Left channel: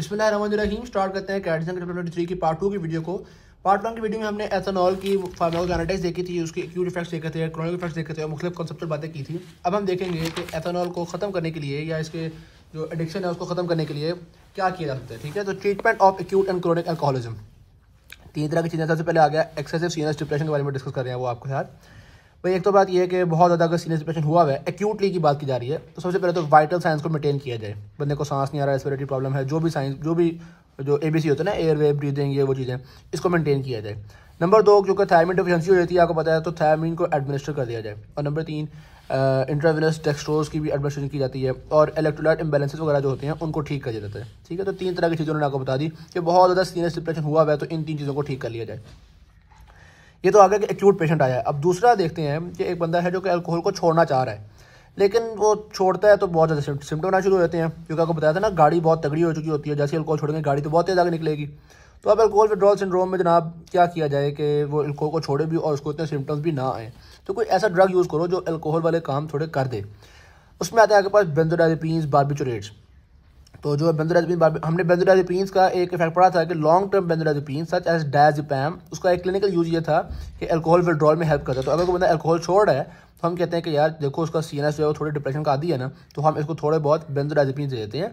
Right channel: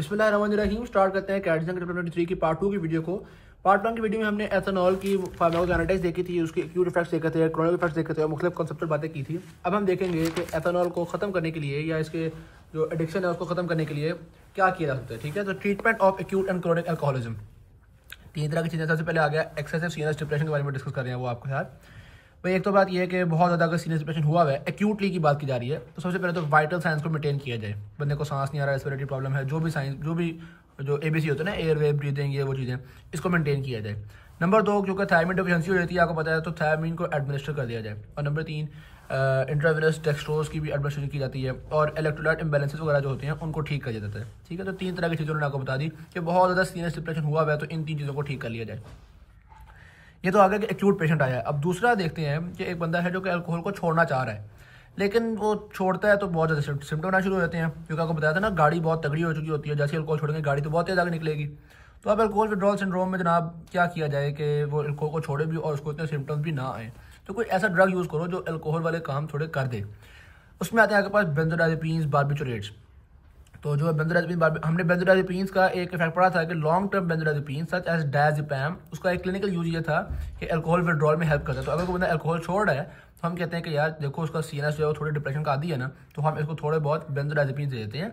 बिस्मिल्लाहिर्रहमानिर्रहीम। स्टार्ट करते हैं कैट चैप्टर 23 की पार्ट 2 की वीडियो को। पार्ट 1 की वीडियो में हमने एथेनॉल की फार्माकोकाइनेटिक्स देखी थी, उसके एक्यूट इफेक्ट्स देखे थे, क्रोनिक इफेक्ट्स देखे थे और मुख्तलिफ कॉन्सेप्चुअल बातें की थी। अब हम देखेंगे कि एथेनॉल को ख़त्म करने के लिए या इसके जो एडिक्शन है उसको ख़त्म करने के लिए क्या किया जा सकता है। ठीक है, तो treatment of acute and chronic alcoholism, 3 तरह की चीज़ें। सबसे पहले आ गया एक्सेसिव सीनियस डिप्रेशन के बारे में डिस्कस कर रहे हैं वो आपके साथ। भाई एक तो बात यह है कि बहुत ज़्यादा अगर सीनियस डिप्रेशन हुआ है, एक्यूटली की बात की जा रही है, तो सबसे पहले तो वाइटल साइंस को मेंटेन किया जाए। बंदे को सांस नहीं आ रहा, रेस्पिरेटरी प्रॉब्लम है, जो भी साइंस जो ABC होता है ना, एयर वे ब्रीदिंग, ये वो चीज़ें, इसको मेंटेन किया जाए। नंबर 2, क्योंकि थायरामिन डिफिशिएंसी हो जाती है आपको पता है, तो थायरामिन को एडमिनिस्टर कर दिया जाए। और नंबर 3, इंट्रावेनस डेक्सट्रोज की भी एडमिनिस्ट्रेशन की जाती है और इलेक्ट्रोलाइट इम्बैलेंसेस वगैरह जो होते हैं उनको ठीक कर दिया जाता है। ठीक है, तो 3 तरह की चीज़ों ने आपको बता दी कि बहुत ज़्यादा सीनियस डिप्रेशन हुआ है तो इन 3 चीज़ों को ठीक कर लिया जाए। ये तो आगे कि एक्यूट पेशेंट आया है। अब दूसरा देखते हैं कि एक बंदा है जो कि अल्कोहल को छोड़ना चाह रहा है, लेकिन वो छोड़ता है तो बहुत ज़्यादा सिम्टम आना शुरू हो जाते हैं। क्योंकि आपको बताया था ना, गाड़ी बहुत तगड़ी हो चुकी होती है, जैसे अल्कोहल छोड़ेंगे गाड़ी तो बहुत तेज़ आगे निकलेगी। तो अब अल्कोहल विड्रॉल सिंड्रोम में जनाब क्या किया जाए कि वो अल्कोहल को छोड़े भी और उसको इतने सिम्टम्स भी ना आए। तो कोई ऐसा ड्रग यूज़ करो जो अल्कोहल वाले काम थोड़े कर दे। उसमें आते हैं आपके पास बेंजोडाइज़ेपिन्स, बार्बिचुरेट्स। तो जो बेंजोडाइज़ेपिन, हमने बेंजोडाइज़ेपिन्स का एक इफेक्ट पढ़ा था कि long term benzodiazepine such as diazepam, उसका एक क्लिनिकल यूज ये था कि अल्कोहल विड्रॉल में हेल्प करता है। तो अगर कोई बंदा अल्कोहल छोड़ रहा है तो हम कहते हैं कि यार देखो उसका सीएनएस जो है वो थोड़े डिप्रेशन का आदी है ना, तो हम इसको थोड़े बहुत बेंजोडाइज़ेपिन दे देते हैं।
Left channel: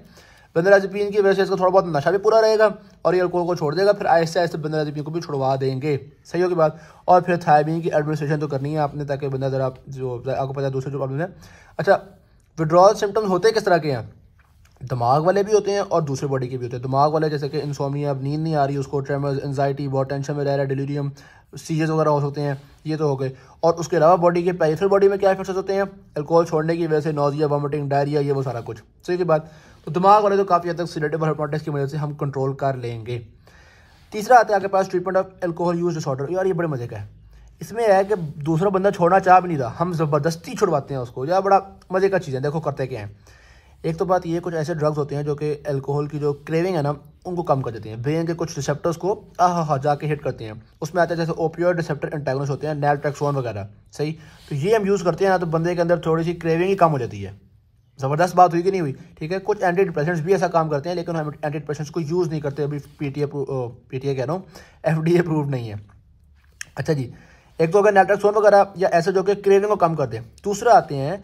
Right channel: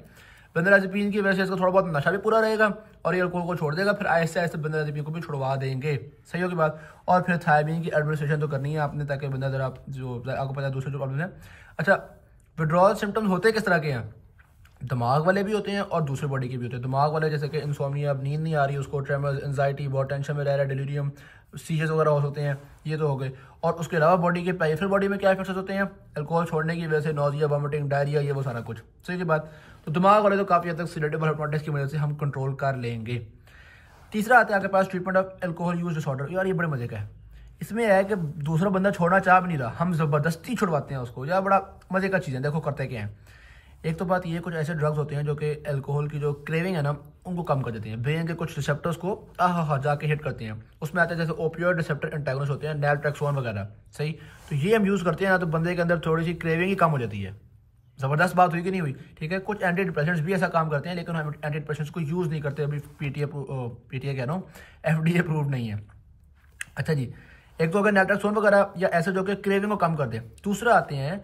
बेंजोडाइज़ेपिन की वजह से इसका थोड़ा बहुत नशा भी पूरा रहेगा और ये अल्कोहल को छोड़ देगा, फिर आहिस्ते आहिस्ते बेंजोडाइज़ेपिन को भी छुड़वा देंगे। सही हो की बात। और फिर थायरामिन की एडमिनिस्ट्रेशन तो करनी है आपने, ताकि बंदा जरा जो आपको पता है दूसरे जो प्रॉब्लम है। अच्छा, विड्रॉल सिम्टम्स होते किस तरह के हैं? दिमाग वाले भी होते हैं और दूसरे बॉडी के भी होते हैं। दिमाग वाले जैसे कि इंसोमिया, अब नींद नहीं आ रही उसको, ट्रेमर्स, एंजाइटी, बहुत टेंशन में रह रहा है, डिलीरियम, सीरियस वगैरह हो सकते हैं, ये तो हो गए। और उसके अलावा बॉडी के पेरिफेरल बॉडी में क्या इफेक्ट्स होते हैं अल्कोहल छोड़ने की वजह से? नोजिया, वॉमिटिंग, डायरिया, ये वो सारा कुछ। सही की बात। तो दिमाग वाले तो काफ़ी हद तक सिलेटिव हाइपोथेसिस की वजह से हम कंट्रोल कर लेंगे। तीसरा आता है आपके पास treatment of alcohol use disorder. यार ये बड़े मजे का है। इसमें है कि दूसरा बंदा छोड़ना चाह भी नहीं रहा, हम ज़बरदस्ती छुड़वाते हैं उसको। यार बड़ा मजे का चीज़ है। देखो करते क्या है। एक तो बात ये, कुछ ऐसे ड्रग्स होते हैं जो कि अल्कोहल की जो क्रेविंग है ना उनको कम कर देते हैं। ब्रेन के कुछ रिसेप्टर्स को जाके हिट करते हैं। उसमें आता है जैसे ओपियोइड रिसेप्टर एंटागोनिस्ट होते हैं, नैलट्रेक्सोन वगैरह। सही, तो ये हम यूज़ करते हैं ना, तो बंदे के अंदर थोड़ी सी क्रेविंग ही कम हो जाती है। ज़बरदस्त बात हुई कि नहीं हुई? ठीक है, कुछ एंटी डिप्रेशेंट्स भी ऐसा काम करते हैं, लेकिन हम एंटी डिप्रेशेंट्स को यूज़ नहीं करते। अभी पीटीए कह रहा हूँ, FDA अप्रूव नहीं है। अच्छा जी, एक तो हो गया नैलट्रेक्सोन वगैरह या ऐसे जो कि क्रेविंग को कम कर दे। दूसरा आते हैं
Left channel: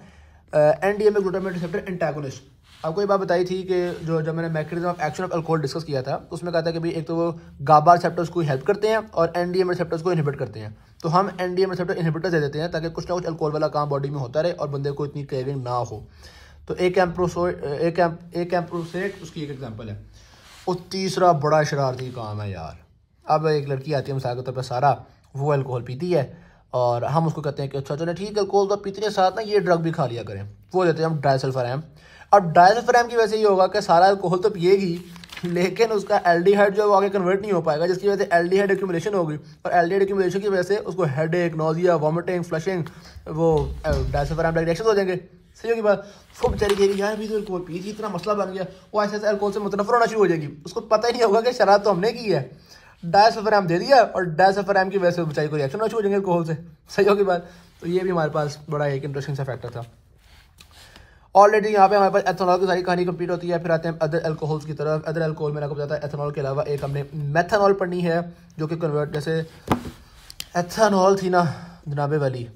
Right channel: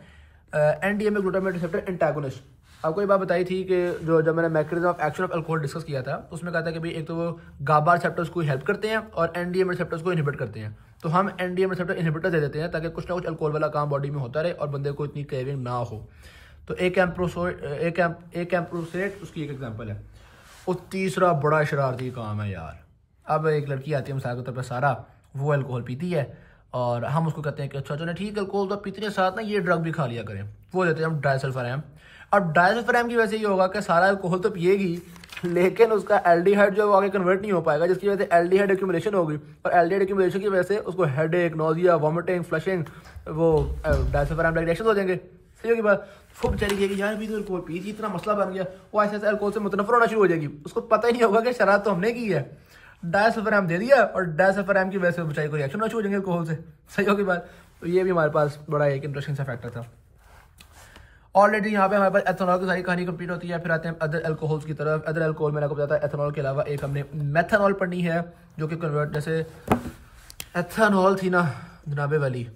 NDMA ग्लूटामेट रिसेप्टर एंटागोनिस्ट। आपको ये बात बताई थी कि जब मैंने mechanism of action of alcohol discuss किया था, तो उसमें कहा था कि भाई एक तो वो गाबा रिसेप्टर्स को हेल्प करते हैं और NDMA रिसेप्टर्स को इनहिबिट करते हैं। तो हम NDMA रिसेप्टर इनहिबिटर दे देते हैं ताकि कुछ ना कुछ अल्कोहल वाला काम बॉडी में होता रहे और बंदे को इतनी क्रेविंग ना हो। तो एक एम्प्रोसेट उसकी एक एग्जाम्पल है। और तीसरा बड़ा शरारती काम है यार। अब एक लड़की आती है मिसाल के तौर पर सारा, वो अल्कोहल पीती है और हम उसको कहते हैं कि अच्छा चलो ठीक है, अल्कोहल तो पीते के साथ ना ये ड्रग भी खा लिया करें। वो देते हैं हम डायसल्फाम। अब डायसल्फाम की वजह से ये होगा कि सारा अल्कोहल तो पिएगी, लेकिन उसका एल्डिहाइड जो है वो आगे कन्वर्ट नहीं हो पाएगा, जिसकी वजह से एल्डिहाइड एक्यूमुलेशन होगी और एल्डिहाइड एक्यूमुलेशन की वजह से उसको हेडेक, नोजिया, वॉमिटिंग, फ्लशिंग, वो डायसल्फाम रिएक्शन हो जाएंगे। सही होगी बात। वो बेचारी कहेगी यार अभी तो अल्कोहल पी थी, इतना मसला बन गया। वो ऐसे ऐसे अल्कोहल से मुतनफर होना शुरू हो जाएगी। उसको पता ही नहीं होगा कि शराब तो हमने की है, डायसल्फाम दे दिया और डायसल्फाम की वजह से बेचारी को रिएक्शन होना शुरू हो जाएंगे अल्कोहल से। सही होगी बात। तो ये भी हमारे पास बड़ा एक इंटरेस्टिंग सा फैक्टर था। ऑलरेडी यहाँ पे हमारे पास एथेनॉल की सारी कहानी कंप्लीट होती है। फिर आते हैं अदर अल्कोहल्स की तरफ। अदर अल्कोहल मैंने आपको बताया था, एथेनॉल के अलावा एक हमने मेथनॉल पढ़नी है, जो कि कन्वर्ट, जैसे एथेनॉल थी ना जनाबे वाली,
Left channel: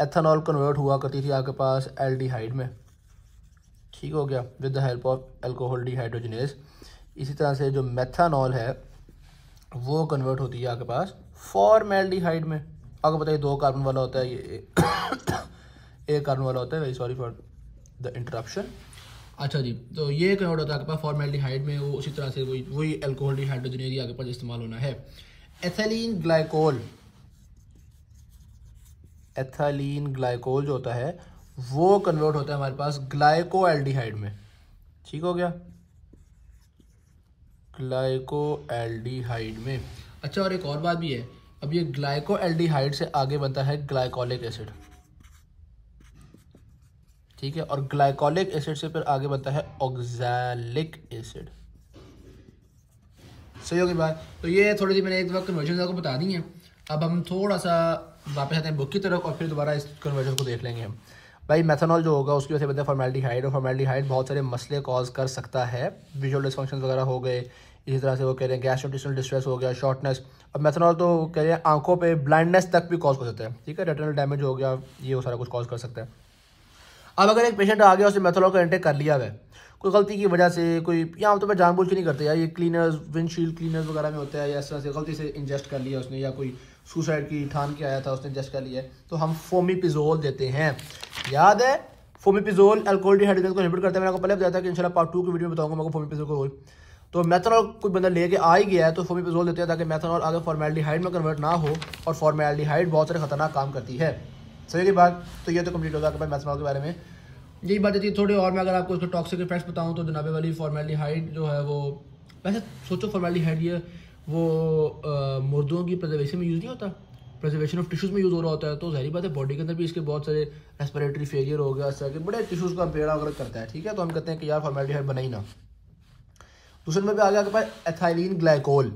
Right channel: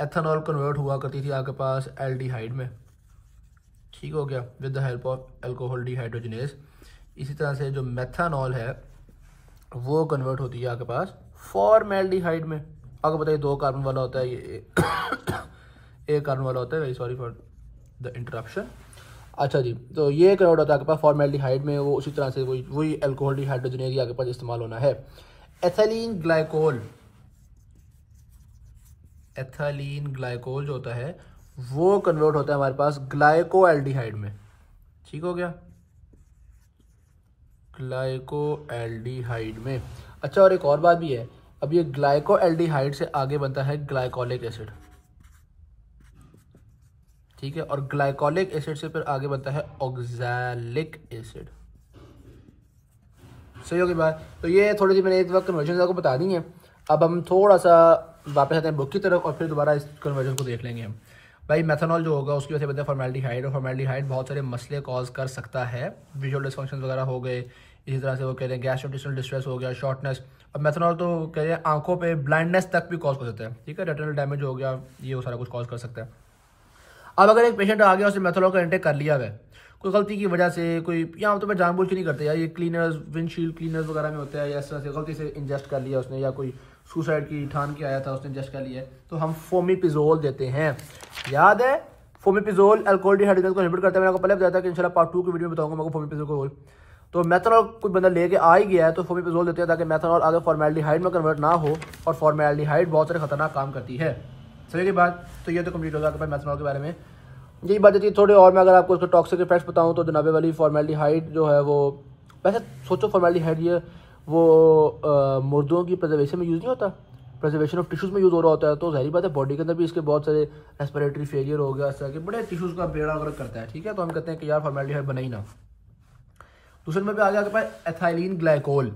एथेनॉल कन्वर्ट हुआ करती थी आपके पास एल्डिहाइड में। ठीक हो गया, with the help of alcohol dehydrogenase. इसी तरह से जो मेथनॉल है वो कन्वर्ट होती है आपके पास फॉर्मेल्डिहाइड में। आपको बताइए 2 कार्बन वाला होता है, ये 1 कार्बन वाला होता है। Very sorry for the interruption. अच्छा जी, तो ये कन्वर्ट होता है आपके पास फॉर्मेल्डिहाइड में। वो उसी तरह से वही अल्कोहल डिहाइड्रोजिनेज आपके पास इस्तेमाल होना है। एथिलीन ग्लाइकोल जो होता है वो कन्वर्ट होता है हमारे पास ग्लाइकोएल्डिहाइड में। ठीक हो गया, ग्लाइकोएल्डिहाइड में। अच्छा, और एक और बात भी है, अब ये ग्लाइकोएल्डिहाइड से आगे बनता है ग्लाइकोलिक एसिड। ठीक है, और ग्लाइकोलिक एसिड से फिर आगे बनता है ऑक्सैलिक एसिड। सही होगी बात। तो ये थोड़ी सी मैंने एक वक्त कन्वर्जन आपको बता दी है। अब हम थोड़ा सा वापस आते हैं बुक की तरफ और फिर दोबारा इस कन्वर्जन को देख लेंगे हम। भाई मेथनॉल जो होगा उसकी वजह से बनता है फॉर्मेल्डिहाइड, और फॉर्मेल्डिहाइड बहुत सारे मसले कॉज कर सकता है, विजुअल डिस्फंक्शन वगैरह हो गए, इसी तरह से वो कह रहे हैं गैस्ट्रोइंटेस्टाइनल डिस्ट्रेस हो गया, शॉर्टनेस। और मेथनॉल तो कह रहे हैं आंखों पे ब्लाइंडनेस तक भी कॉज कर सकता है, ठीक है, रेटिनल डैमेज हो गया, ये वो सारा कुछ कॉज कर सकता है। अब अगर एक पेशेंट आ गया उसने मेथनॉल का इंटेक कर लिया है, कोई गलती की वजह से, कोई यहाँ तो मैं जानबूझ के नहीं करते यार, ये क्लीनर्स विंडशील्ड क्लीनर्स वगैरह में होता है, या इस तरह से गलती से इंजेस्ट कर लिया उसने, या कोई सुसाइड की ठान के आया था उसने इंजेस्ट कर लिया है, तो हम फोमिपिजोल देते हैं। याद है फोमिपिजोल अल्कोहल डिहाइड्रोजन को इनहिबिट करता है, मैंने आपको पहले बताया था कि इंशाल्लाह पार्ट 2 की वीडियो में बताऊंगा मैं फोमिपिजोल का रोल। तो मेथनॉल कोई बंदा लेके आ ही गया है तो फोमिपिजोल देते हैं ताकि मेथनॉल आगे फॉर्मेल्डिहाइड में कन्वर्ट ना हो, और फॉर्मेल्डिहाइड बहुत सारे खतरनाक काम करती है। सही की बात, तो ये तो कंप्लीट होगा आपके पास मेथनॉल के बारे में। यही बात थी थोड़ी और, मैं अगर आपको उसके टॉक्सिक इफेक्ट्स बताऊं तो जनाबे वाली फॉर्मेल्डिहाइड जो है वो, वैसे सोचो फॉर्मेल्डिहाइड ये वो मुर्दों की प्रिजर्वेशन में यूज़ नहीं होता, प्रिजर्वेशन ऑफ टिश्यूज़ में यूज़ हो रहा होता है, तो ज़ाहिर बात है बॉडी के अंदर भी इसके बहुत सारे रेस्पिरेटरी फेलियर हो गया, इस तरह के बड़े टिश्यूज़ का बेड़ा वगैरह करता है, ठीक है। तो हम कहते हैं कि यार फॉर्मेल्डिहाइड बना ही ना। दूसरे नंबर पे आ गया आपके पास एथाइलिन ग्लाइकोल।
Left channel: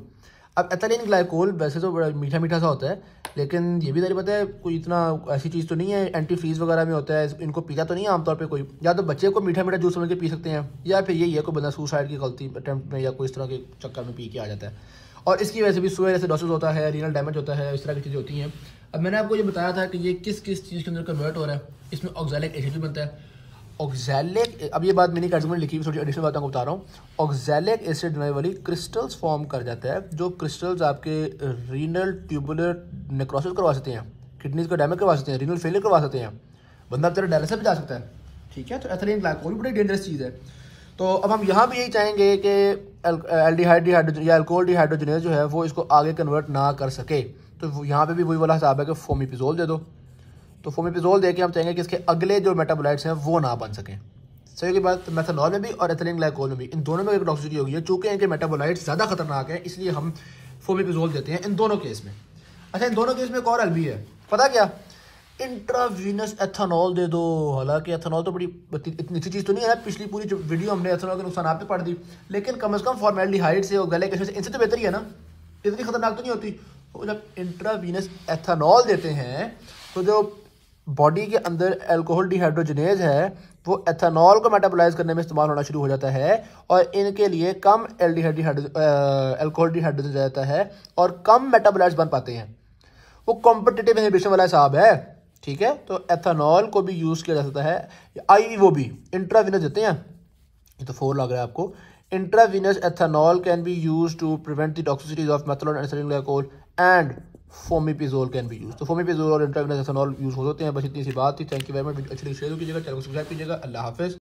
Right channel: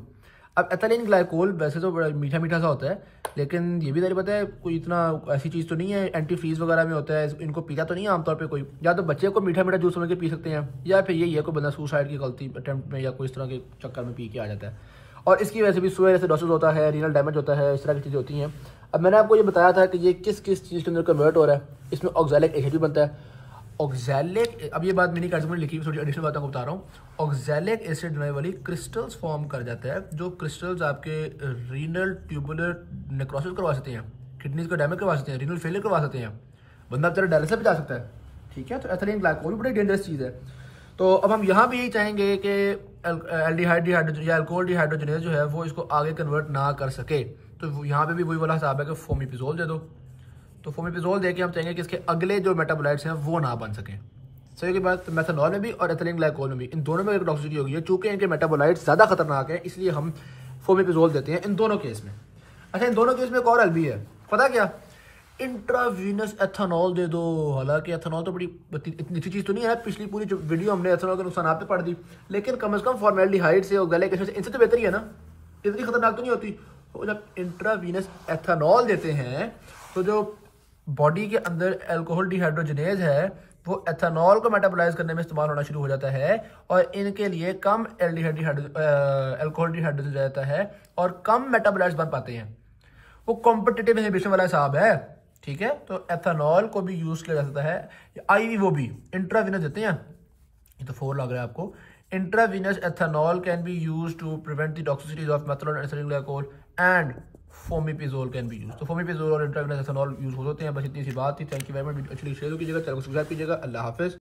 अब एथाइलिन ग्लाइकोल वैसे तो बड़ा मीठा मीठा सा होता है, लेकिन ये भी नहीं पता है कोई इतना ऐसी चीज़ तो नहीं है, एंटी फ्रीज वगैरह में होता है, इनको पीता तो नहीं है आमतौर पे कोई, या तो बच्चे को मीठा मीठा जूस समझ के पी सकते हैं, या फिर यही है कोई बंदा सुसाइड की गलती अटेम्प्ट में या कोई इस तरह के चक्कर में पी के आ जाता है, और इसकी वजह से भी सुअर एसिडोसिस होता है, रीनल डैमेज होता है, इस तरह की चीज़ें होती हैं। अब मैंने आपको ये बताया था कि ये किस किस चीज़ के अंदर कन्वर्ट हो रहा है, इसमें ऑक्सैलिक एसिड भी बनता है। ऑक्सैलिक, अब ये बात मैंने कार्ड में लिखी हुई, थोड़ी एडिशनल बातें आपको बता रहा हूँ। ऑक्सैलिक एसिड बनाने वाली क्रिस्टल्स फॉर्म कर जाता है, जो क्रिस्टल्स आपके रीनल ट्यूबुलर नेक्रोसिस करवा सकते हैं, किडनीज का डैमेज करवा सकते हैं, रीनल फेलियर करवा सकते हैं, बंदा बेचारा डायलिसिस भी जा सकता है, ठीक है। तो एथिलीन ग्लाइकोल भी बड़ी डेंजरस चीज़ है। तो अब हम यहाँ भी यही चाहेंगे कि एल्डिहाइड या अल्कोहल डिहाइड्रोजनेज जो है वो इसको आगे कन्वर्ट ना कर सके, तो यहाँ पे भी वही वाला हिसाब है कि फोमिपिजोल दे दो। तो फोमिपिजोल देके हम चाहेंगे कि इसके अगले जो मेटाबोलाइट्स हैं वो ना बन सकें। सही की बात, मेथनॉल में भी और एथिलीन ग्लाइकोल में भी, इन दोनों में एक टॉक्सिसिटी होगी है, चूंकि इनके मेटाबोलाइट्स ज़्यादा खतरनाक है, इसलिए हम फोमिपिजोल देते हैं इन दोनों केस में। अच्छा, इन दोनों केस में एक और भी है, पता क्या, इंट्रावीनस एथेनॉल दे दो। हालांकि एथेनॉल तो बड़ी इतनी अच्छी चीज़ तो नहीं है, पिछली पूरी जो वीडियो हमने एथेनॉल के नुकसान पे पढ़ दी, लेकिन कम से कम फॉर्मेल्डिहाइड से और गले के से इनसे तो बेहतर ही है ना, इतनी खतरनाक तो नहीं होती। तो जब इंट्रावीनस एथेनॉल देते हैं तो जो बॉडी के अंदर अल्कोहल डिहाइड्रोजनेज है वो एथेनॉल को मेटाबोलाइज करने में इस्तेमाल होना शुरू हो जाता है, और इनके लिए कम अल्कोहल डिहाइड्रोजन जाता है और कम मेटाबोलाइट्स बन पाते हैं। वो कॉम्पिटिटिव इनहिबिशन वाला हिसाब है, ठीक है। तो एथेनॉल को भी यूज किया जा सकता है, आई वो भी इंट्रावीनस देते हैं, ये तो 4 लग रहा है आपको। Intravenous ethanol can be use to prevent the toxicities of methanol and ethylene glycol and fomepizole can be use. तो फोमिपिजोल और इंट्रावीनस एथेनॉल यूज हो सकते हैं। बस इतनी सी बात थी। Thank you very much. अच्छी शेयर कीजिएगा, चैनल को सब्सक्राइब कीजिएगा। अल्लाह हाफिज।